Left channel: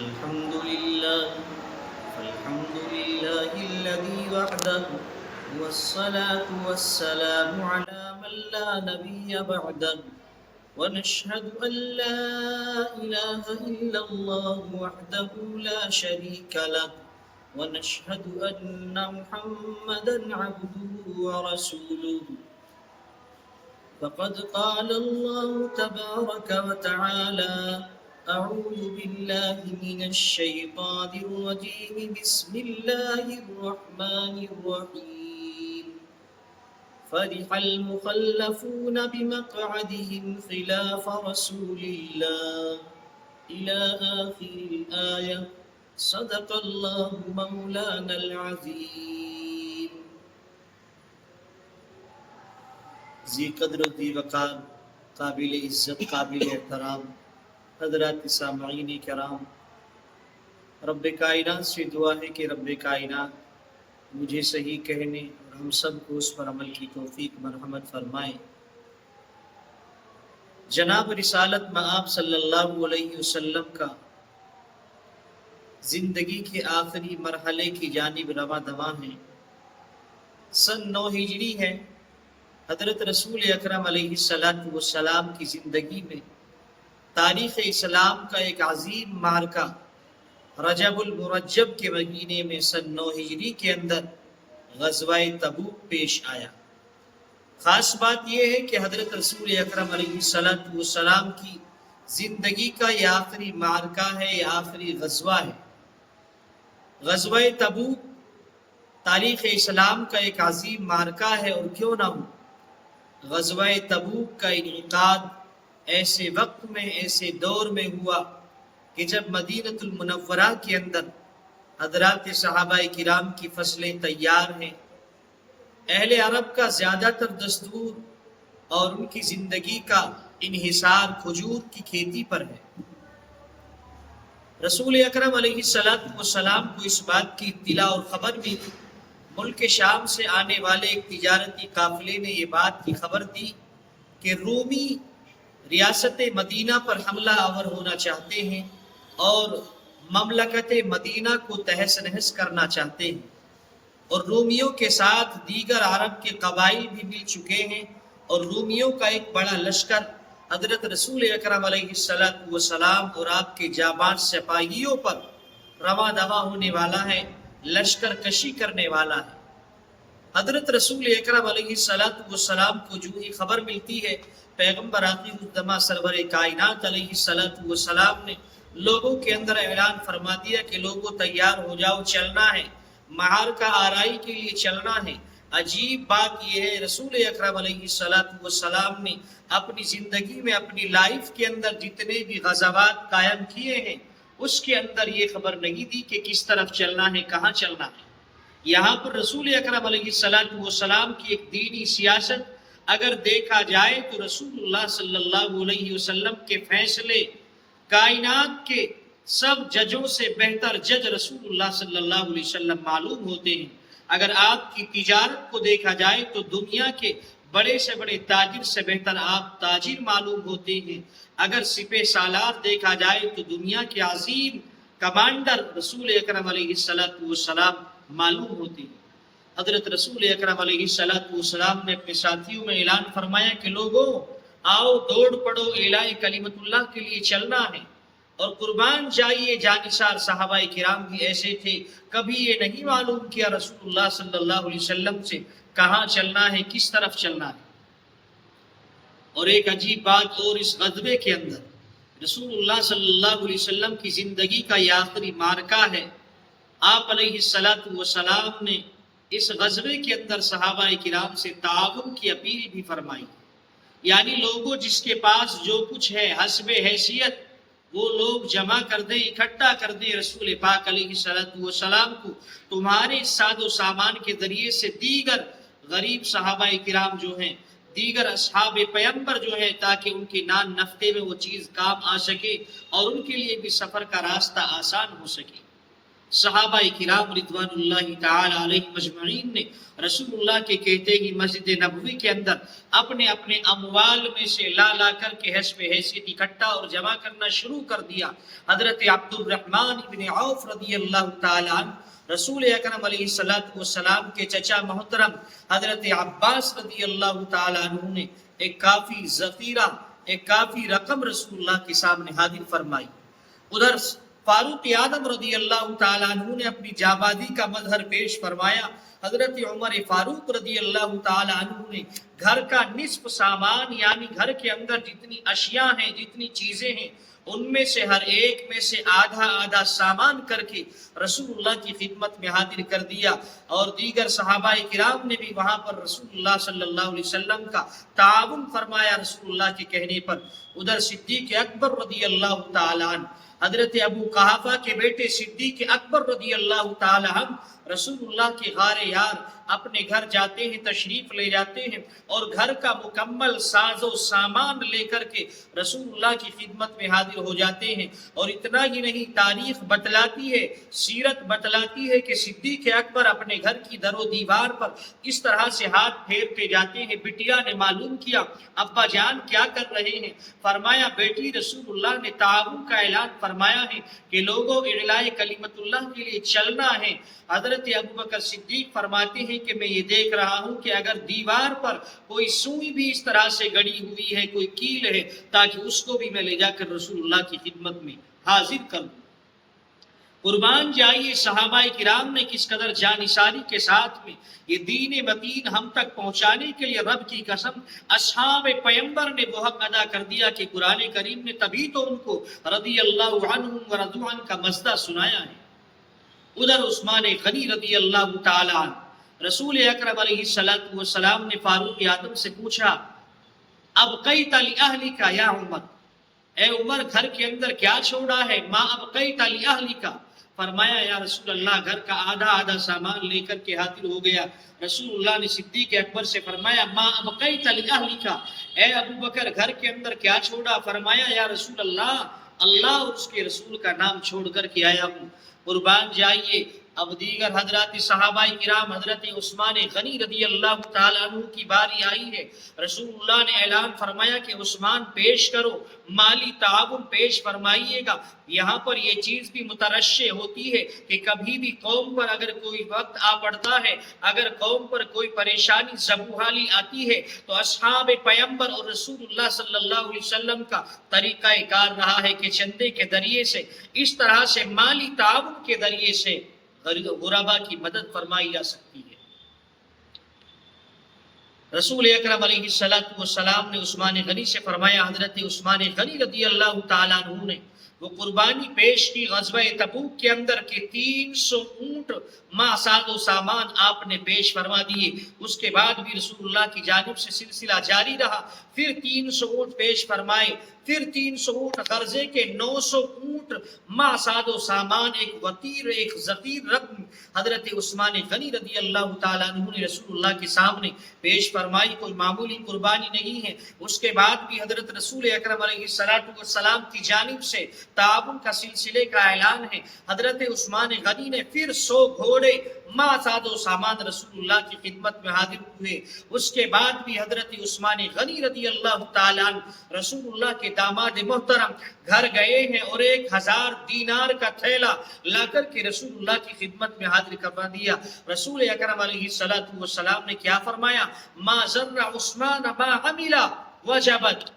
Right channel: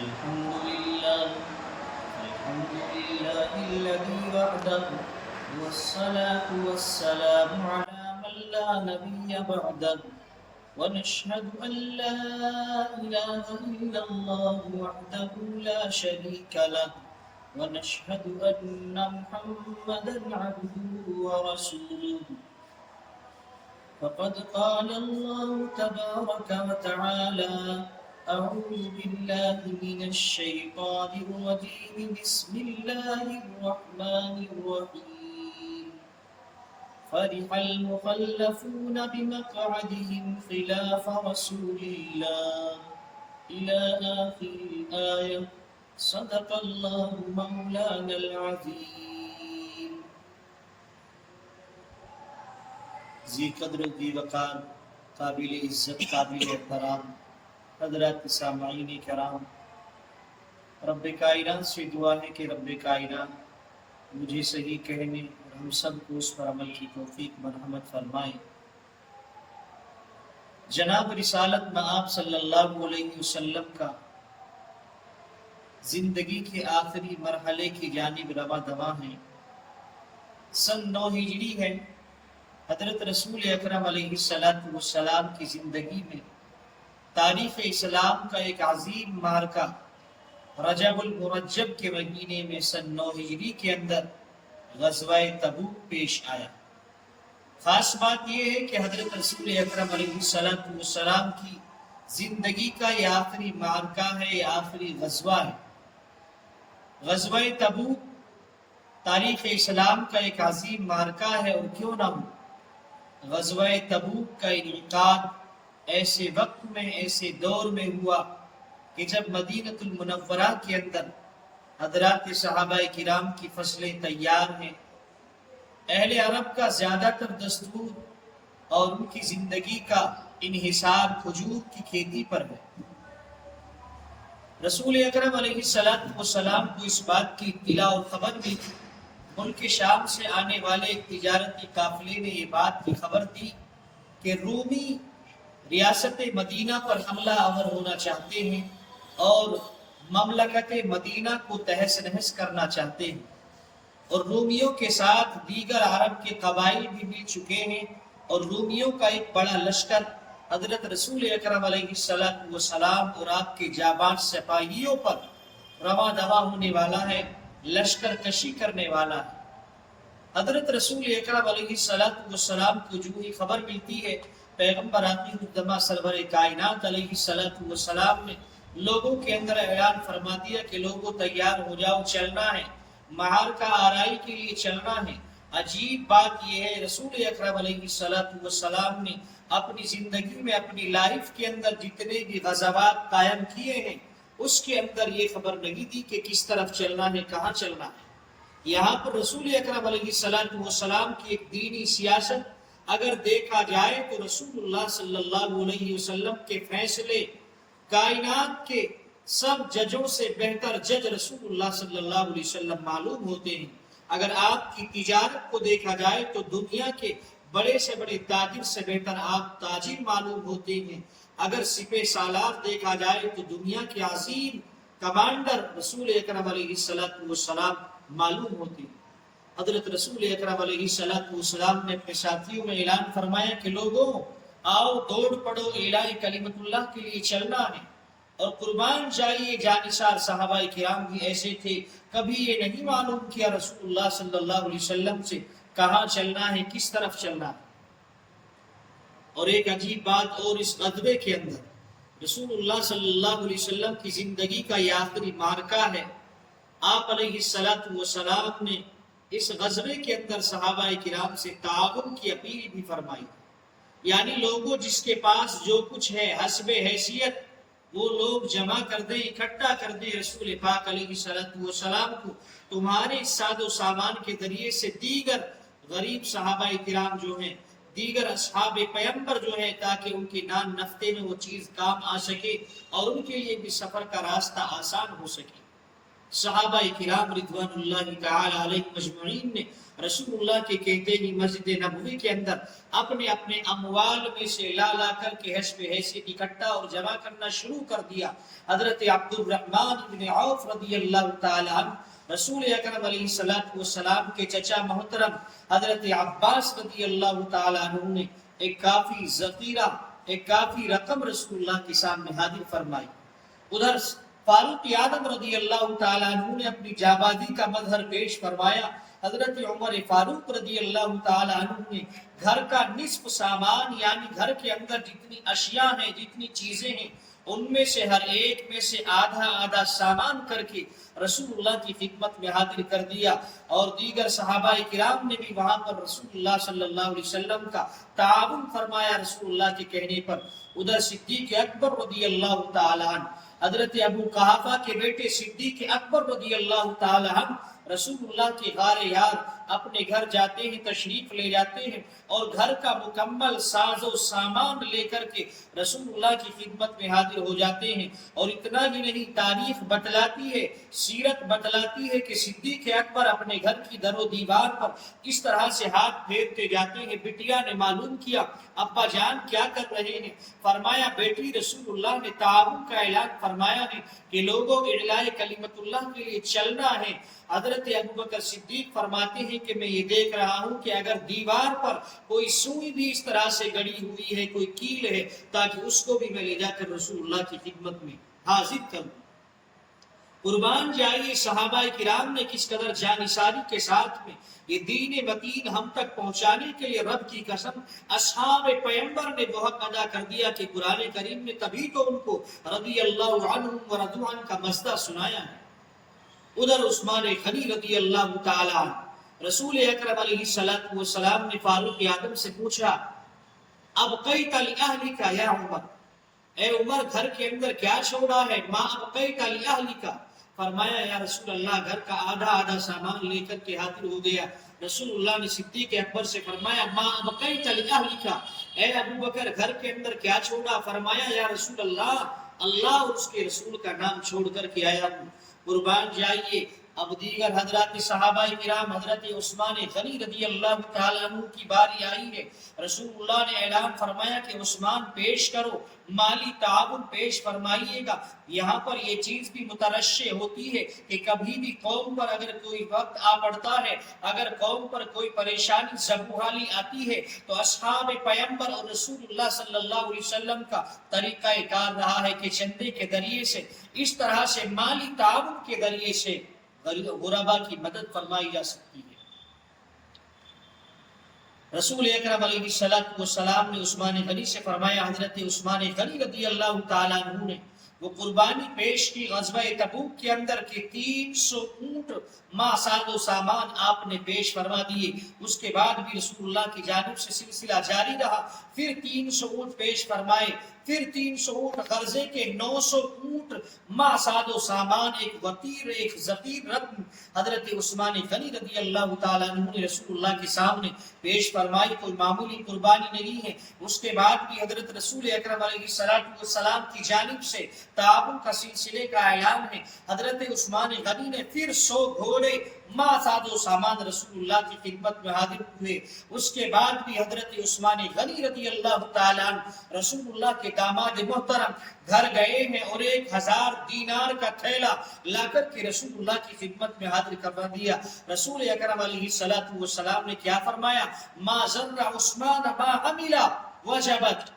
الحمد لله الحمد لله الذي وحده والصلاة والسلام على من لا نبي بعده ونشهد أن لا إله إلا الله وحده لا شريك له ونشهد أن محمدا عبده ورسوله فقد قال الله تبارك وتعالى أعوذ بالله من الشيطان الرجيم بسم الله الرحمن الرحيم فرح المخلفون بمقعدهم خلاف رسول الله إلى آخر الآية صدق الله مولانا العظيم. ذی قدر و ذی وقار، قابل عزت، قابل احترام حضرات سامعین کرام، رب کائنات سے دعا ہے کہ رب کائنات مجھے صحیح کہنے اور ہم سب کو اس پر عمل کی توفیق مرحمت فرمائے. جناب رسالت مآب صلی اللہ علیہ وسلم کا زندگی کے آخری مرحلے کی جانب رواں دواں ہیں. سن 9 ہجری ہے. حضرت رسول اکرم علیہ السلام کی زندگی میں تاریخ اسلام کا ایک عظیم معرکہ رجب المرجب کے مہینے میں سن 9 ہجری کے اندر غزوہ تبوک پیش آیا. خاص بات یہ ہے کہ حضرت رسول اکرم علیہ السلام کی زندگی کا یہ آخری معرکہ ہے، یہ آخری غزوہ ہے. غزوہ تبوک تاریخ اسلام کا ایک عظیم معرکہ ہے، اور کیوں نہ ہو. غزوہ تبوک کا انعقاد ایسے وقت میں، ایسے دور میں ہوا کہ جب مدینہ المنورہ کے اندر حضرات صحابہ کرام کی فصلیں تیار ہیں. اہل عرب کا زیادہ تر دستور اور ان کی زندگی کا انحصار کھجور کی کھیتی پر ہے. رسول اکرم علیہ السلام کو اس بات کی اطلاع اور خبر بھی تھی. ملک شام سے آنے والے ایک تجارتی قافلے نے یہ بات کی خبر دی کہ رومی ریاست مدینہ پر حملہ آور ہونا چاہتے ہیں اور مملکت مدینہ کو تہس نہس کرنا چاہتے ہیں، اور رومیوں کے ساتھ دیگر عرب کے قبائل بھی مل چکے ہیں، اور رومیوں کا ایک بڑا لشکر حضرت رسول اکرم علیہ السلام اور آپ کے جاباز سپاہیوں پر رواں دواں ہونے والا ہے، لشکر کشی کرنے والا ہے. حضرت رسول اکرم علیہ السلام کو جو ہی خبر ملتی ہے، پیغمبر آخر الزماں سرور کائنات علیہ السلام نے لوگوں کے اندر اعلان فرما دیا کہ لوگوں تیار ہو جاؤ، چلنا ہے، معرکہ آرائی کے لیے چلنا ہے. عجیب بات یہ ہے، رسول اکرم علیہ السلام نے اپنی زندگی میں، اپنی لائف کے اندر جتنے بھی غزوات قائم کیے ہیں، اس کے اندر یہ خبر نہیں دی کہ کس طرف چلنا ہے، کہاں چلنا ہے. یہاں پر رسول اکرم علیہ السلام کی ایک دینی سیاست اگر دیکھا جائے تو رسول اللہ صلی اللہ علیہ وسلم کے فیصلے کائنات کے سب ججوں سے بہتر جج رسول اللہ صلی اللہ علیہ وسلم معلوم ہوتے ہیں. اگر آپ کی تجارت کو دیکھا جائے تو دنیا کے بڑے سے بڑے تاجر سے بہتر آپ تاجر معلوم ہوتے ہیں. اگر سپہ سالار دیکھا جائے تو دنیا کے عظیم کمانڈر رسول اکرم علیہ السلام معلوم ہوتے ہیں. حضرت رسول اکرم علیہ السلام نے اپنے ساتھیوں میں اعلان فرمایا کہ لوگوں آؤ، دوڑ پڑو، اعلاء کلمت اللہ کے لیے چلنا ہے. اور قربان جائیے، جانثار صحابہ کرام بھی ایسے تھے، کبھی یہ نہیں معلوم کیا رسول اللہ صلی اللہ علیہ وسلم سے کہاں چلنا ہے، کس طرف چلنا ہے. اور ایک عجیب بات اور، اس غزوے کے اندر رسول اللہ صلی اللہ علیہ وسلم کی زندگی کا یہ آخری معرکہ ہے. آپ علیہ السلام نے اس غزوے کے اندر صحابہ کرام سے تعاون کی اپیل بھی فرمائی. یعنی لوگوں جس کے پاس جو کچھ ہے حسب حیثیت وہ لوگ جمع کر دیں، اکٹھا کر دیں. رسول پاک علیہ السلام کو تمہارے ساد و سامان کے ذریعے سے دیگر غریب صحابہ کرام جو ہیں، دیگر اصحاب پیغمبر جو ہیں، تاکہ ان کے نان نفتے میں وہ چیز کام آ سکے اور ان کے لیے بھی سفر کا راستہ آسان ہو سکے. صحابہ کرام رضوان اللہ تعالی علیہ مجمعین نے رسول اللہ کے کہتے ہی مسجد نبوی کے اندر اپنے اپنے اموال میں سے لا کر کے حسب حیثیت اکٹھا اور جمع کرنا شروع کر دیا۔ حضرت عبد الرحمن بن عوف رضی اللہ تعالی عنہ رسول اکرم علیہ السلام کے چچا محترم حضرت عباس رضی اللہ تعالی عنہ نے ایک کافی ذخیرہ، ایک کافی رقم رسول اللہ کے سامنے حاضر فرمائی۔ ادھر فاروق اعظم رضی اللہ تعالیٰ عنہ نے اپنی جابازی کا مظہر پیش فرمایا۔ حضرت عمر فاروق رضی اللہ تعالیٰ عنہ نے گھر کا نصف سامان، یعنی گھر کے اندر جتنی اشیاء ہیں، جتنی چیزیں ہیں، ان میں سے ہر ایک میں سے آدھا آدھا سامان کر کے رسول اللہ کی خدمت میں حاضر کر دیا، اور دیگر صحابہ کرام نے بھی وہاں پر رسول اللہ صلی اللہ علیہ وسلم کا تعاون فرمایا رسول اللہ کے کہنے پر۔ ادھر صدیق اکبر رضی اللہ تعالیٰ عنہ، حضرت ابو قحافہ کے بیٹے صدیق اکبر رضی اللہ تعالی عنہ رسول اللہ کے غار یار اپنے گھر جاتے ہیں، تشریف لے جاتے ہیں، اور گھر کا مکمل ساز و سامان لے کر کے رسول اللہ کی خدمت میں حاضر ہو جاتے ہیں۔ اور اتنا ہی نہیں، تاریخ بتلاتی ہے، سیرت بتلاتی ہے کہ صدیق اکبر اپنے گھر کی در و دیوار پر اس طرح سے ہاتھ پھیرتے جاتے ہیں۔ بٹیا نے معلوم کیا ابا جان کیا کر رہے ہیں؟ فرمایا بیٹی رسول اللہ نے تعاون کا اعلان فرمایا ہے کہ لوگوں اعلاء کلمت اللہ کے لیے چلنا ہے۔ حضرت ابوبکر صدیق فرماتے ہیں کہ میں یہ دیکھ رہا ہوں کہ اگر دیوار پر کوئی سوئی بھی اس طرح سے گڑی ہوئی ہے، کوئی کیل ہے، تاکہ اس کو بھی میں لے جا کر رسول اللہ کی خدمت میں حاضر کروں۔ قربان جائیے صحابہ کرام نے کس قدر جانثاری کے ساتھ میں یہ دین متین ہم تک پہنچانے کے لیے رب کی قسم اصحاب پیمبر نے وہ حق ادا کر دیا کہ قرآن کریم نے تبھی تو ان کو رضی اللہ عنہم ورضوا عنہ کا مزدہ سنایا ہے۔ ادھر عثمان غنی رضی اللہ تعالی عنہ رسول اکرم علیہ السلام نے فاروق اعظم سے پوچھا ابقیت لأہلک یا عمر، اے عمر گھر کے اندر کیا چھوڑا ہے؟ ما ابقیت لأہلک، فرمایا یا رسول اللہ گھر کا آدھا آدھا سامان لے کر کے حاضر ہو گیا۔ رسول اللہ نے صدیق اکبر سے فرمایا ما ابقیت لأہلک، اے ابو بکر گھر کے اندر کیا چھوڑا؟ فرمایا یا رسول اللہ اللہ اور اس کے رسول کا نام چھوڑ کر کے آیا ہوں۔ قربان جائیے اب دیگر حضرات صحابہ کرام، حضرت عثمان غنی رضی اللہ تعالیٰ عنہ کی باری آئی ہے۔ رسول اللہ نے اعلان فرمایا کہ عثمان پیش کرو، مالی تعاون پیش فرمائیے گا۔ یہاں پر یہ چیز بھی مترشح ہوتی ہے کہ کبھی بھی قوم پر اگر کوئی وقت آ پڑتا ہے، اگر قوم پر کوئی پریشانی زبوحالی آتی ہے، تو اصحاب پیمبر اور رسول اللہ صلی اللہ علیہ وسلم کا طریقہ کار رہا ہے کہ چندے کے ذریعے سے، اس طرح سے مالی تعاون کے ذریعے سے غربا کی مدد فرمائی جا سکتی ہے۔ رسول اکرم علیہ السلام نے عثمان غنی سے فرمایا، حضرت عثمان غنی رضی اللہ تعالیٰ عنہ نے وہ قربانی پیش کی غزوہ تبوک کے اندر کے 300 اونٹ ساز و سامان آپ نے پیش فرما دیے۔ اس کے بعد بھی رسول اللہ کی جانب سے سلسلہ جاری رہا، پھر 300 اونٹ پیش فرمائے، پھر 300 اونٹ قرضے کے 900 اونٹ ساز و سامان، ایک وطیر ایک ذخیر رقم حضرت عثمان غنی رضی اللہ تعالیٰ عنہ نے رسول اللہ کے سامنے پیش فرمائی۔ کوئی معمولی قربانی نہیں ہے۔ اس کے بعد بھی حضرت رسول اکرم علیہ السلام کی جانب سے تعاون کا سلسلے کا اعلان ہے۔ حضرت عثمان غنی نے پھر 100 گھوڑے ساز و سامان رسول اللہ کی خدمت میں حاضر ہوئے۔ اس کے بعد بھی حضرت عثمان غنی رضی اللہ تعالیٰ عنہ رسول اللہ کے داماد محترم گھر گئے ہیں اور 1000 دینار کا تھیلا لا کر کے رسول اللہ کی خدمت میں حاضر کروا دیا۔ رسول اکرم علیہ السلام نے کیا فرمایا؟ ما ذر عثمان ما عمل وجبت،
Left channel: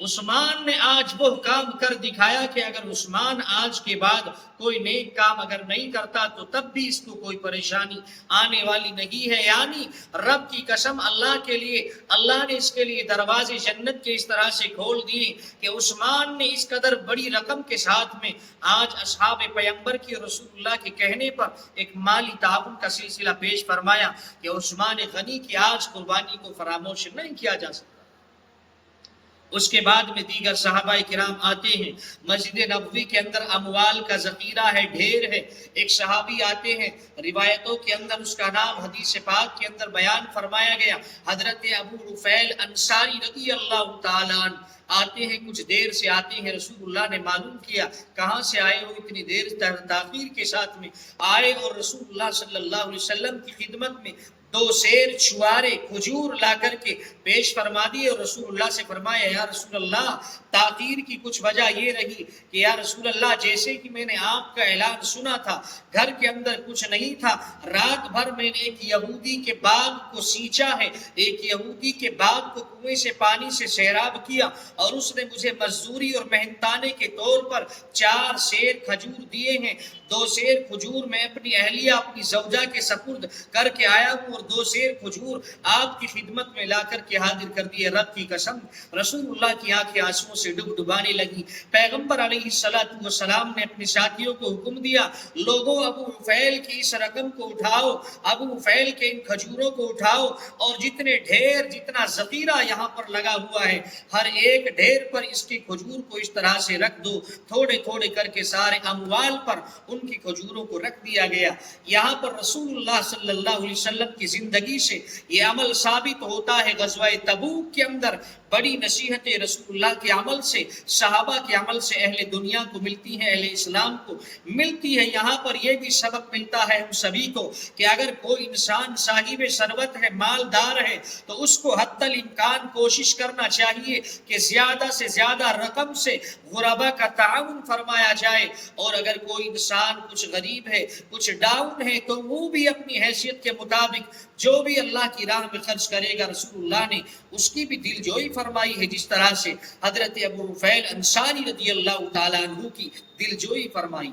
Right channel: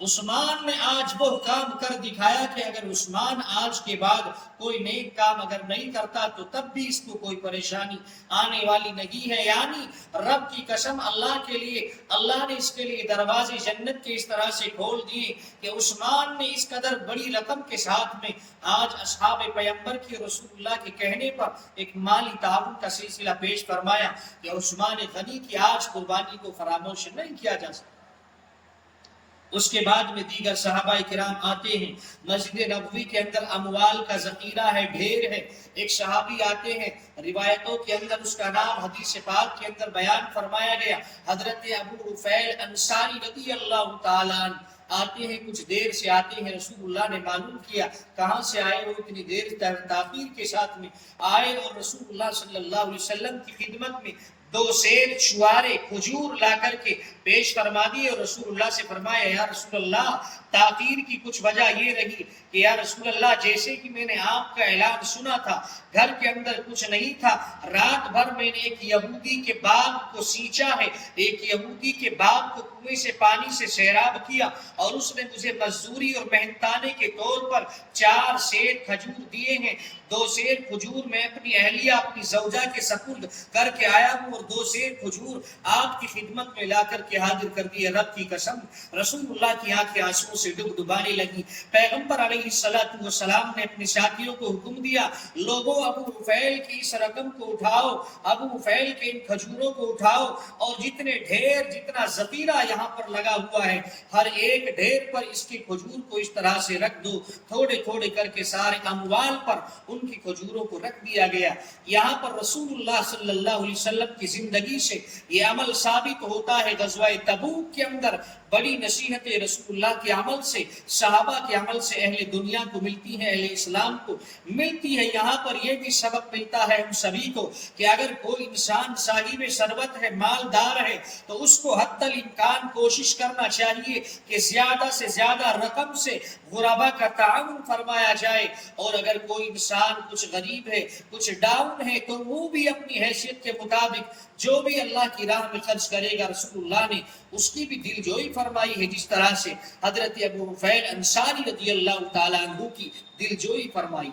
عثمان نے آج وہ کام کر دکھایا کہ اگر عثمان آج کے بعد کوئی نیک کام اگر نہیں کرتا تو تب بھی اس کو کوئی پریشانی آنے والی نہیں ہے۔ یعنی رب کی قسم اللہ کے لیے، اللہ نے اس کے لیے دروازے جنت کے اس طرح سے کھول دیے کہ عثمان نے اس قدر بڑی رقم کے ساتھ میں آج اصحاب پیمبر کی رسول اللہ کے کہنے پر ایک مالی تعاون کا سلسلہ پیش فرمایا کہ عثمان غنی کی آج قربانی کو فراموش نہیں کیا جا سکتا۔ اس کے بعد میں دیگر صحابہ کرام آتے ہیں۔ مسجد نبوی کے اندر اموال کا ذخیرہ ہے، ڈھیر ہے۔ ایک صحابی آتے ہیں، روایتوں کے اندر اس کا نام حدیث پاک کے اندر بیان فرمایا گیا، حضرت ابو رفیل انصاری رضی اللہ تعالیٰ عنہ۔ آتے ہیں کچھ دیر سے آتے ہیں، رسول اللہ نے معلوم کیا کہاں سے آئے ہو، اتنی دیر تاخیر کے ساتھ میں آئے، اور رسول اللہ صلی اللہ علیہ وسلم کی خدمت میں 2 سیر چوارے کھجور لا کر کے پیش فرما دیے، اور رسول اللہ سے فرمایا یا رسول اللہ تاخیر کی کچھ وجہ یہ رہی کہ یا رسول اللہ جیسے کہ میں نے آپ کا اعلان سنا تھا، گھر کے اندر کچھ نہیں تھا، رات بھر میں نے ایک یہودی کے باغ کو سینچا ہے، ایک یہودی کے باغ کو کنویں سے پانی سے سیراب کیا، اور اس نے مجھے مزدوری اور محنتانے کے طور پر 4 سیر کھجور دیے ہیں، 2 سیر کھجور میں اپنی اہلیہ اپنی زوجہ کے سپرد کر کے آیا ہوں، اور 2 سیر کھجور آپ کی خدمت میں لا کر کے حاضر کر دیے، رب کی قسم رسول اللہ کی آنکھیں آنسوؤں سے ڈبانے لگی۔ پیغمبر علیہ السلام نے اپنے ساتھیوں کو حکم دیا، لوگوں ابو رفیل کی اس رقم کو اٹھاؤ، ابو رفیل کے ان کھجوروں کو اٹھاؤ، اور جتنے ڈھیر جتنا ذخیرہ یہاں پر لگا ہوا ہے ہر ایک ڈھیر پر اس کی کھجور کو اس طرح سے رکھ دو، تھوڑے تھوڑے کر کے سارے اموال پر ان کی کھجوروں کو رکھ دیا گیا۔ یہاں پر رسول اللہ صلی اللہ علیہ وسلم کی زندگی سے یہ عمل ثابت ہوتا ہے۔ غزوہ تبوک کے اندر بڑی نصیحت رسول اللہ کے عمل سے، صحابہ کے عمل سے اہل دنیا کو ملتی ہے، اہل اسلام کو ملتی ہے۔ یہاں پر یہ بھی سبق ملتا ہے ہم سبھی کو کہ اگر کوئی انسان صاحب ثروت ہے، مالدار ہے، تو اس کو حتی الامکان کوشش کرنا چاہیے کہ زیادہ سے زیادہ رقم سے غربا کا تعاون فرمایا جائے، اور اگر کوئی انسان کچھ غریب ہے، کچھ ڈاؤن ہے، تو وہ بھی اپنی حیثیت کے مطابق جو بھی اللہ کی راہ میں خرچ کرے گا، رسول اللہ نے اس کی بھی دل جوئی فرمائی ہے، جس طرح سے حضرت ابو رفیل انصاری رضی اللہ تعالیٰ عنہ کی دل جوئی فرمائی۔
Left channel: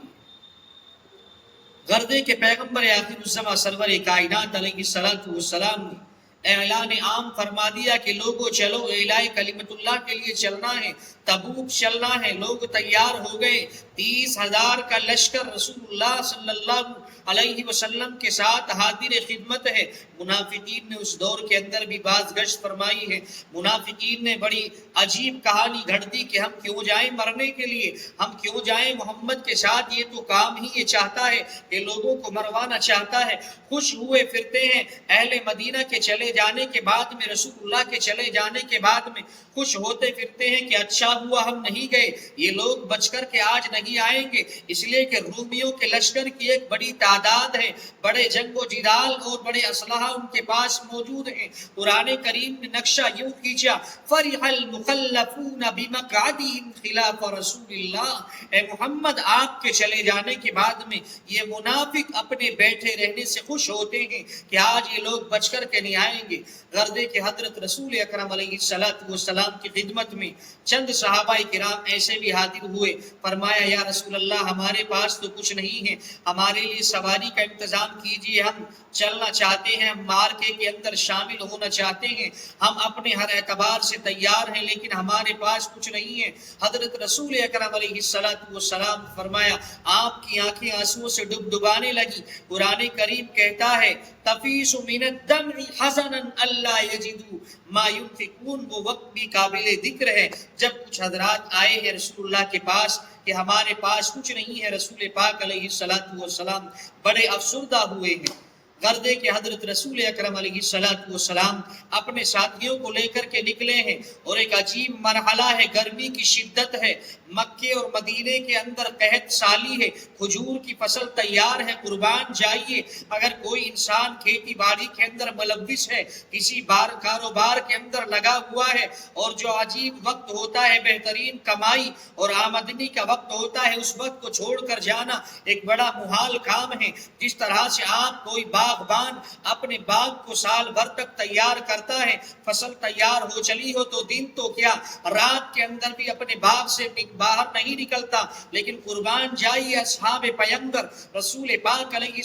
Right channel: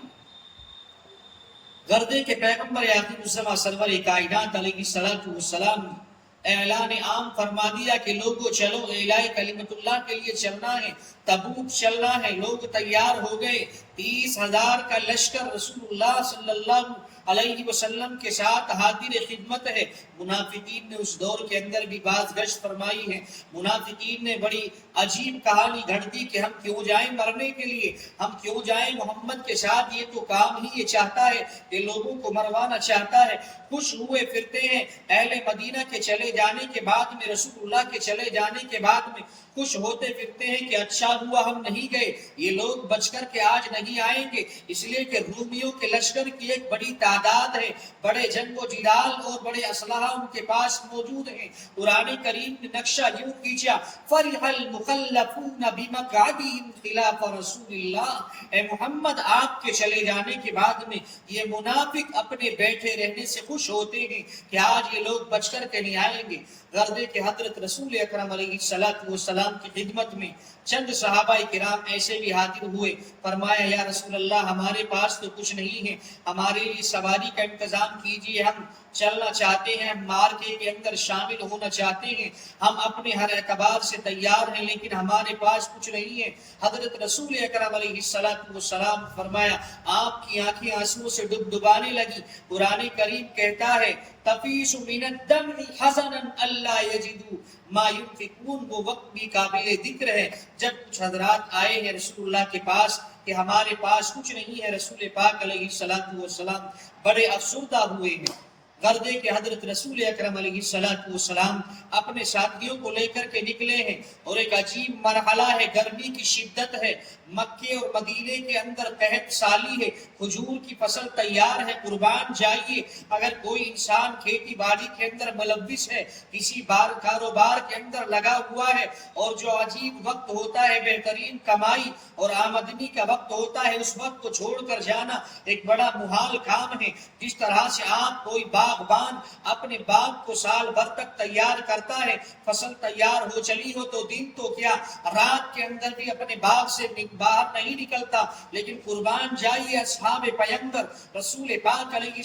گردے کے پیغمبر آخر الزماں سرور کائنات علیہ السلام نے اعلان عام فرما دیا کہ لوگوں چلو اعلاء کلمت اللہ کے لیے چلنا ہے، تبوک چلنا ہے۔ لوگ تیار ہو گئے، 30,000 کا لشکر رسول اللہ صلی اللہ علیہ وسلم کے ساتھ حاضر خدمت ہے۔ منافقین نے اس دور کے اندر بھی بعض گشت فرمائی ہے، منافقین نے بڑی عجیب کہانی گھڑ دی کہ ہم کیوں جائیں مرنے کے لیے، ہم کیوں جائیں محمد کے ساتھ، یہ تو کام ہی یہ چاہتا ہے کہ لوگوں کو مروانا چاہتا ہے۔ خوش ہوئے پھرتے ہیں، اہل مدینہ کے چلے جانے کے بعد میں، رسول اللہ کے چلے جانے کے بعد میں خوش ہوتے پھرتے ہیں کہ اچھا ہوا ہم نہیں گئے، یہ لوگ بچ کر کے آج نہیں آئیں گے، اس لیے کہ رومیوں کے لشکر کی ایک بڑی تعداد ہے، بڑے جنگ و جدال اور بڑے اسلحہ ان کے پاس موجود ہیں۔ قرآن کریم نے نقشہ یوں کھینچا، فرح المخلفون بمقعدہم خلاف رسول اللہ، اے محمد آپ کے چلے جانے کے بعد میں یہ منافق اپنے بیٹھے رہنے سے خوش ہوتے ہیں کہ آج یہ لوگ بچ کر کے نہیں آئیں گے۔ غرضے کہ حضرت رسول اکرم علیہ السلام کی خدمت میں چند صحابہ کرام ایسے بھی حاضر ہوئے، فرمایا یا رسول اللہ ہمارے پاس تو کچھ نہیں ہے، ہمارے لیے سواری کا انتظام کیجیے، ہم چلنا چاہتے ہیں، ہم مارکے کے اندر شامل ہونا چاہتے ہیں، ہم اپنے ہر اعتبار سے تیار ہیں، لیکن ہمارے پاس کچھ نہیں ہے۔ حضرت رسول اکرم علیہ السلام فرمایا، آپ کی آنکھیں آنسوؤں سے ڈبانے لگی۔ قرآن کریم کہتا ہے تفیض من الدمع حزنا الا یجدوا ما ينفقون، وہ وقت بھی قابل ذکر ہے جب کچھ حضرات آئے ہیں رسول اللہ کے پاس کہ ہمارے پاس کچھ نہیں ہے، رسول پاک علیہ السلام بڑے افسردہ ہوئے ہیں۔ غرضے کہ حضرت رسول اکرم علیہ السلام اپنے ساتھیوں کو لے کر کے نکلے ہیں، اور ایک عجیب مرحلہ ہے، گرمی کی شدت ہے، مکے اور مدینے کے اندر قحط سالی ہے، کھجور کی فصل تیار ہے، قربان جائیے۔ اگر کوئی انسان کھیتی باڑی کے اندر ملوث ہے، کسی کاروبار کے اندر لگا ہوا ہے، اور جو عجیب وقت ہوتا ہے، بہترین کمائی اور آمدنی کا وقت ہوتا ہے، اس وقت کو چھوڑ کر جانا ایک بڑا محال کام ہے۔ جس طرح سے آپ کوئی باغبان اپنے باغ کو سال بھر تک تیار کرتا ہے، فصل تیار ہو چلی ہو تو دن تو کیا رات کے اندر بھی اپنے باغ سے باہر نہیں نکلتا، لیکن قربان جائیے اصحاب پیغمبر رسول پاک علیہ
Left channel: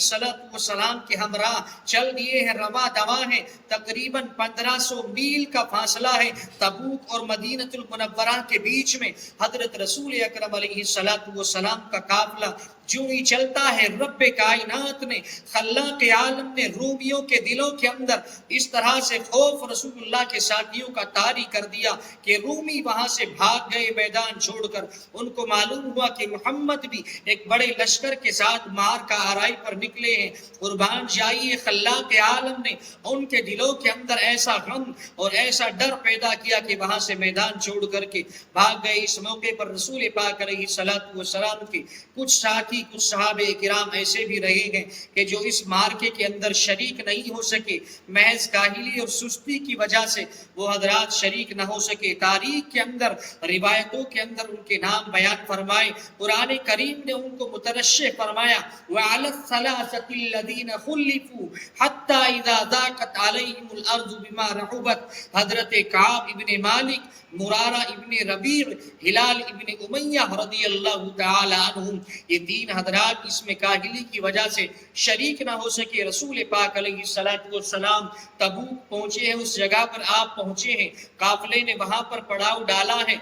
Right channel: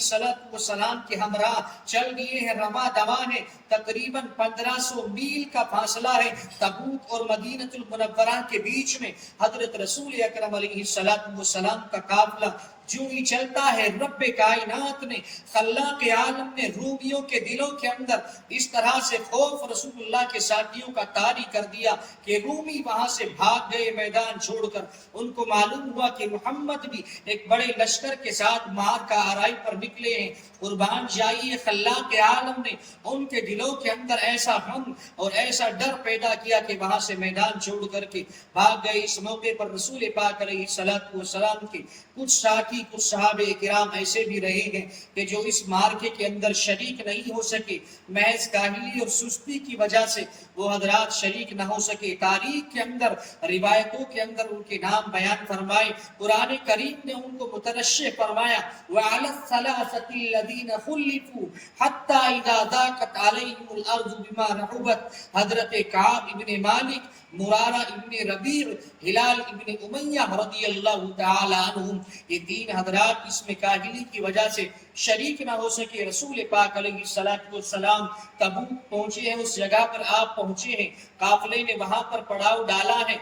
السلام کے ہمراہ چل دیے ہیں، رواں دواں ہیں، تقریباً 1500 میل کا فاصلہ ہے تبوک اور مدینہ المنورہ کے بیچ میں۔ حضرت رسول اکرم علیہ السلام کا قافلہ جو ہی چلتا ہے، رب کائنات نے خلاق عالم عالم نے رومیوں کے دلوں کے اندر اس طرح سے خوف رسول اللہ کے ساتھیوں کا طاری کر دیا کہ رومی وہاں سے بھاگ گئے میدان چھوڑ کر. ان کو معلوم ہوا کہ محمد بھی ایک بڑے لشکر کے ساتھ مار کا آرائی پر نکلے ہیں. قربان جائیے خلاق عالم نے ان کے دلوں کے اندر ایسا غم اور ایسا ڈر پیدا کیا کہ وہاں سے میدان چھوڑ کر کے بھاگ گئے. اس موقع پر رسول پاک علیہ الصلوۃ والسلام کے کچھ ساتھی کچھ صحابہ کرام ایسے بھی رہے ہیں کہ جو اس مارکے کے اندر شریک نہیں ہو سکے. محض کاہلی اور سستی کی وجہ سے وہ حضرات شریک نہ ہو سکے. تاریخ کے اندر روایتوں کے اندر ان کے نام بیان فرمائے. قرآن کریم نے ان کو مترشح فرمایا وَعَلَى الثَّلَاثَةِ الَّذِينَ خُلِّفُوا حَتَّى إِذَا ضَاقَتْ عَلَيْهِمُ الْأَرْضُ بِمَا رَحُبَتْ. حضرت کعب ابن مالک، مرارہ ابن ربیع، ہلال ابن امیہ رضی اللہ تعالی عنہم، یہ تین حضرات اس میں کاہلی کی وجہ سے شریک نہ ہو سکے. رسول پاک علیہ الصلوۃ والسلام تبوک پہنچے ہیں، اس جگہ پر آپ پہنچے ہیں، قافلے نے وہاں پر پڑاؤ ڈالا ہے.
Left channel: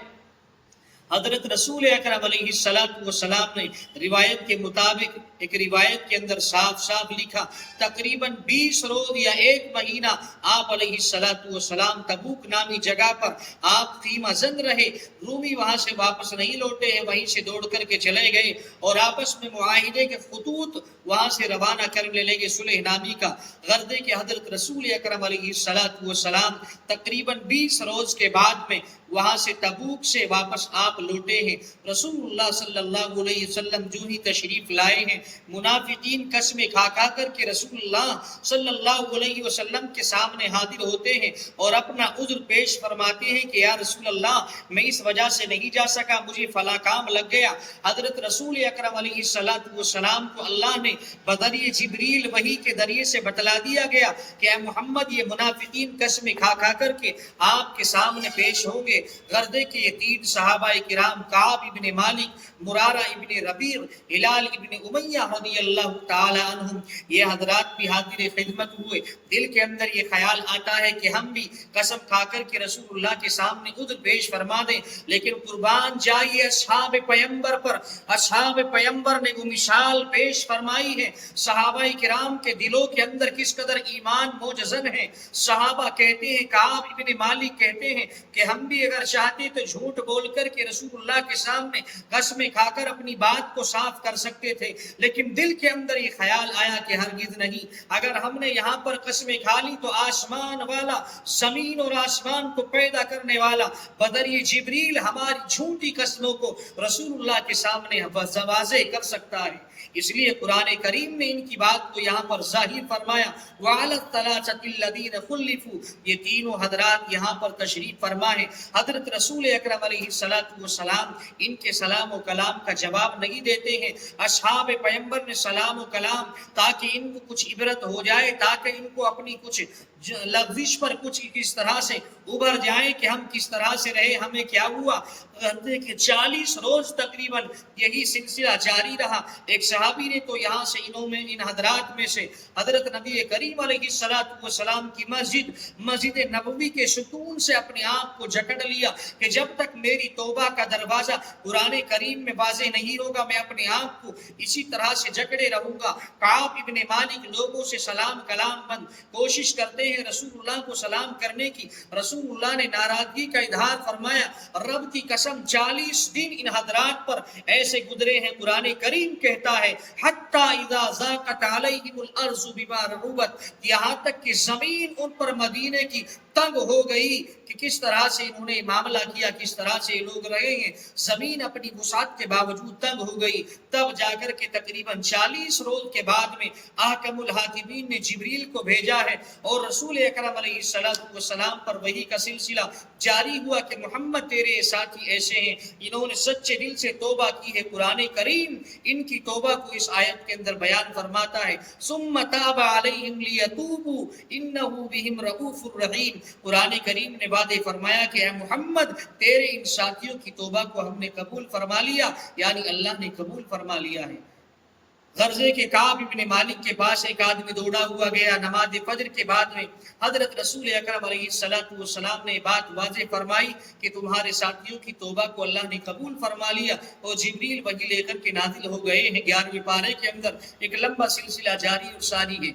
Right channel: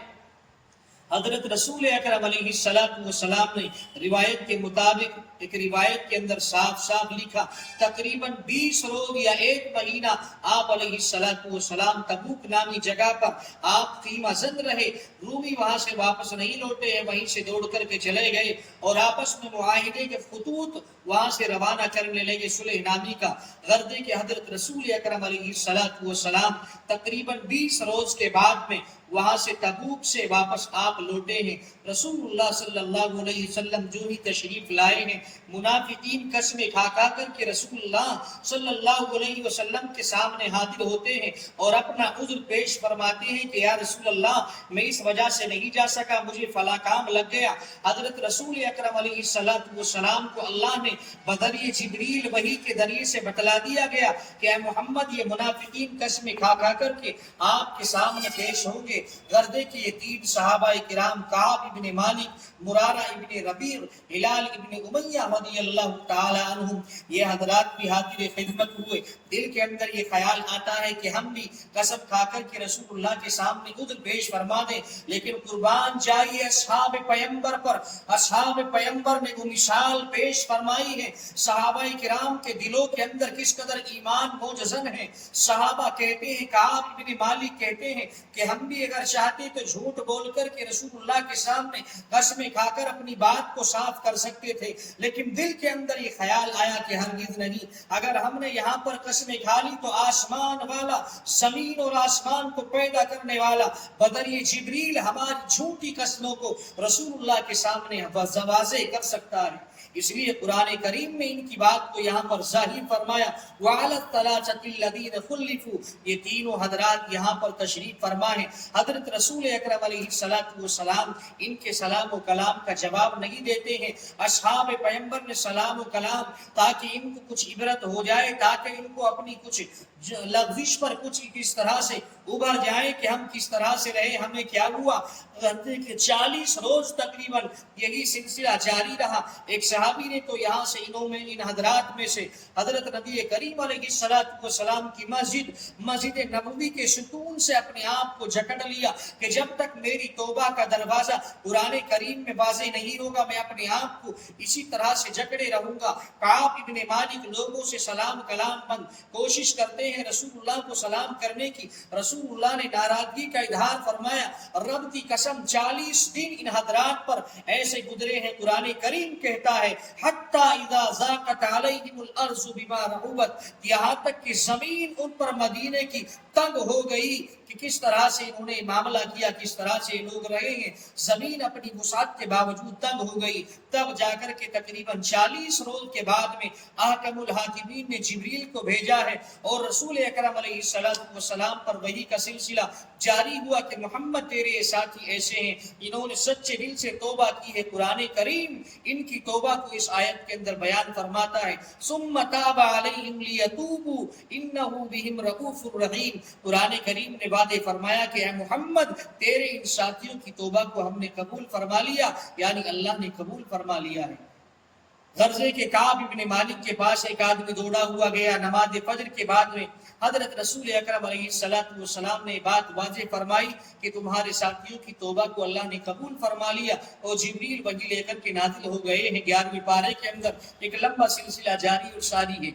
حضرت رسول اکرم علیہ الصلوۃ والسلام نے روایت کے مطابق ایک روایت کے اندر صاف صاف لکھا تقریباً 20 روز یا ایک مہینہ آپ علیہ الصلوۃ والسلام تبوک نامی جگہ پر آپ خیمہ زن رہے. رومی وہاں سے واپس نہیں لوٹے ہیں، وہیں سے دوڑ کر کے چلے گئے اور آپس میں معاہدے کے خطوط وہاں سے روانہ کرنے لگے صلح نامی کا. غرضے کہ حضرت رسول اکرم علیہ الصلوۃ والسلام تقریباً 20 روز کے بعد میں وہاں سے تبوک سے واپس آپ لوٹے ہیں. رسول اللہ صلی اللہ علیہ وسلم جو ہی تشریف لائے ہیں، منافقین قسمیں کھا کھا کر کے رسول اللہ صلی اللہ علیہ وسلم کے سامنے حاضر ہوتے ہیں اور اپنا عذر پیش فرماتے ہیں کہ یا رسول اللہ میں اس وجہ سے نہیں جا سکا، مجھے فلاں کام لگ گیا. حضرت رسول اکرم علیہ الصلوۃ والسلام کو اللہ نے بذریعہ جبریل وحی کے ذریعے سے بتلا دیا گیا کہ اے محمد یہ منافقین قسمیں کھا کھا کر کے آپ کے سامنے پیش ہوں گے. غرضے کہ یہ تین صحابہ کرام کعب ابن مالک، مرارہ ابن ربیع، ہلال ابن امیہ رضی اللہ تعالی عنہم، یہ حضرات بھی حاضر خدمت ہوئے. دل کے اندر یہ خیال آتا ہے کہ ہم بھی قسم کھا کر کے رسول اللہ کے سامنے عذر پیش فرما دیں، لیکن قربان جائیے اصحاب پیمبر پر. اصحاب پیمبر نے وہ مثال پیش فرمائی ہے. صحابہ کرام کے دلوں کے اندر کس قدر ایمان موجزن ہے. صحابہ کہتے ہیں، کعب ابن مالک کہتے ہیں کہ ہم بھی اگر چاہتے تو جھوٹ بول کر کے رسول اللہ کے سامنے قسمیں کھا کر اپنی بات کو صاف کر سکتے تھے، لیکن دل کے اندر یہ خیال آیا کہ ہرگز نہیں. اگر ہم نے یہاں پر قسمیں کھا لی تو آسمان والا، زمین اور آسمان کو پیدا کرنے والا بذریعہ جبریل ہماری جھوٹی قسموں کو رسول اللہ کے سامنے واضح کر سکتا ہے. اس لیے قرآن کریم نے ان کی بات کو یہاں پر ظاہر فرمایا وَعَلَى الثَّلَاثَةِ الَّذِينَ خُلِّفُوا. یہ تینوں حضرات یہاں پر تشریف فرما ہیں. حضرت رسول اکرم علیہ الصلوۃ والسلام ان کے سلام و کلام کا جواب نہیں دیتے ہیں. اصحاب پیمبر نے سلام و کلام تاکہ ان کو کچھ عبرت ہو جائے، تاکہ ان کو اپنی کچھ لغزش پر کچھ کس طرح سے ابھر جائیں کہ ہم کس طرح سے رہے، ہمیں کیا ہوا. 40 روز تقریباً یہی سلسلہ جاری رہا. ایک صحابی نے تو یہاں سے ان حضرات میں سے حضرت نبی کریم علیہ الصلوۃ والسلام کی مسجد نبوی کے ستون سے اپنے آپ کو جکڑ لیا کہ جب تک میری توبہ کا دروازہ قرآن کریم میں واضح نہیں ہوگا میں اپنے آپ کو اسی طرح سے جکڑے رہوں گا. کعب ابن مالک لوگوں سے سلام کلام بند کوشش کرتے ہیں رسول اللہ کو سلام کرنے کی. رسول اللہ نے ناراضگی کا اظہار فرمایا. رب کی قسم 40 دن ان حضرات پر ایسے گزرے ہیں. قرآن کریم کہتا ہے حَتَّى إِذَا ضَاقَتْ عَلَيْهِمُ الْأَرْضُ بِمَا رَحُبَتْ، یہاں تک کہ زمین ان پر مدینے کی تنگ ہو گئی کہ کس طرح سے انہوں نے معاملہ کیا، کس طرح سے لوگ رہے ہیں. زمین اپنی وسعت کے باوجود تنگ ہو گئی. تب جا کر کے تقریباً 40 روز کے بعد میں احکم الحاکمین نے جبریل کو بھیجا ہے اور رسول اکرم علیہ الصلوۃ والسلام پر وحی کا سلسلہ جاری ہوا کہ محمد تیرے ساتھی ایسے ہیں، انہوں نے سچے دل سے توبہ کی ہے. قرآن کریم ان کی توبہ کو اس آیت کے اندر بیان فرماتا ہے ثم تاب علیہم لیتوبوا انہ بہم رؤوف الرحیم. قرآن کریم نے وعدے فرمایا کہ اے محمد تیرے ان ساتھیوں کی توبہ کو ہم نے قبول فرما لیا، یعنی اللہ نے قبول فرما لیا ہے. غرضے کے کعب ابن مالک کے پاس ایک آدمی دوڑا ہوا گیا. نماز فجر کے بعد میں حضرت رسول اکرم علیہ الصلوۃ والسلام نے بات واضح فرمائی کہ تمہارے ساتھیوں کی توبہ کو اللہ نے قبول فرما لیا اور جبریل وحی لے کر کے نازل ہو گئے ہیں. 11ویں پارے کے اندر ایک لمبا سلسلہ جاری اور ساری ہے.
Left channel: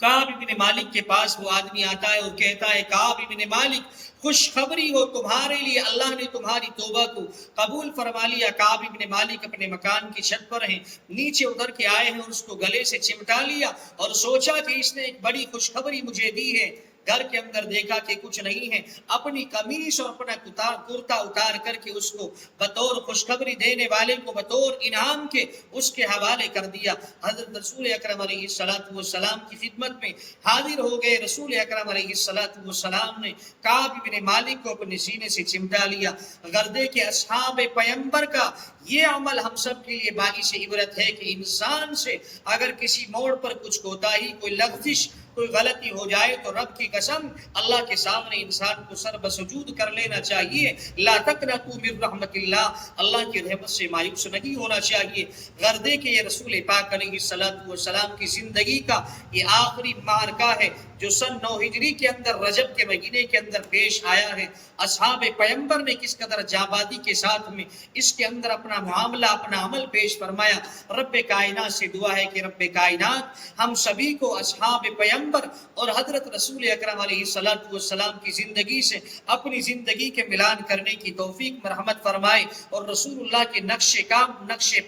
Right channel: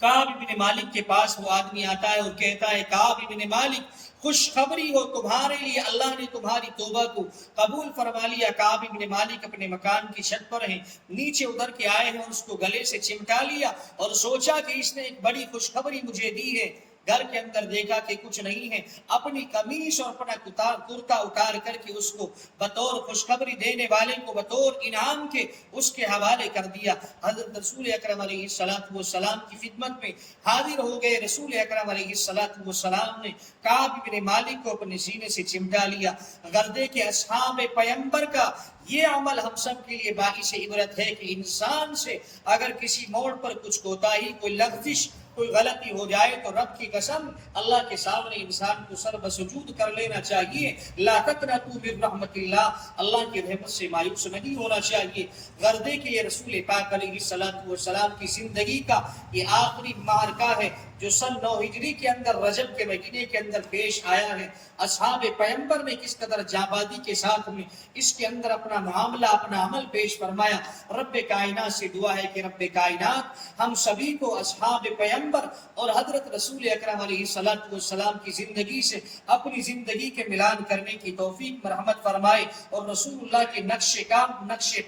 کعب ابن مالک کے پاس وہ آدمی آتا ہے اور کہتا ہے کعب ابن مالک خوشخبری ہو تمہارے لیے، اللہ نے تمہاری توبہ کو قبول فرما لیا۔ کعب ابن مالک اپنے مکان کی چھت پر ہیں، نیچے اتر کے آئے ہیں اور اس کو گلے سے چمٹا لیا اور سوچا کہ اس نے ایک بڑی خوشخبری مجھے دی ہے۔ گھر کے اندر دیکھا کہ کچھ نہیں ہے، اپنی قمیص اور اپنا کرتا اتار کر کے اس کو بطور خوشخبری دینے والے کو بطور انعام کے اس کے حوالے کر دیا۔ حضرت رسول اکرم علیہ السلام کی خدمت میں حاضر ہو گئے۔ رسول اکرم علیہ السلام نے کعب بن مالک کو اپنے سینے سے چمٹا لیا۔ گردے کے اصحاب پیمبر کا یہ عمل ہم سب کے لیے باعث عبرت ہے کہ انسان سے اگر کسی موڑ پر کچھ کوتاہی، کوئی لغزش، کوئی غلطی ہو جائے تو رب کی قسم اللہ کے سامنے انسان کو سر بسجود کر لینا چاہیے۔ لا تقنطوا من رحمت اللہ، اللہ کی رحمت سے مایوس نہیں ہونا چاہیے۔ غردے کے یہ رسول پاک علیہ السلام کی زندگی کا یہ آخری معرکہ ہے جو سن 9 ہجری کے اندر رجب کے مہینے کے اندر پیش آیا ہے۔ اصحاب پیمبر نے کس قدر جانبازی کے ساتھ میں اس کے اندر اپنا معاملہ، اپنا عمل پیش فرمایا۔ رب کائنات سے دعا ہے کہ رب کائنات ہم سبھی کو اصحاب پیمبر اور حضرت رسول اکرم علیہ السلام کی زندگی سے اپنی زندگی کے ملان کرنے کی توفیق مرحمت فرمائے اور رسول اللہ کے نقش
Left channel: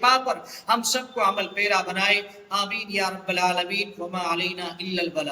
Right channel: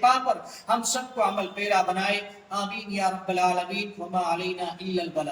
پا پر ہم سب کو عمل پیرا بنائے۔ آمین یا رب العالمین۔ وما علینا الا البلاغ۔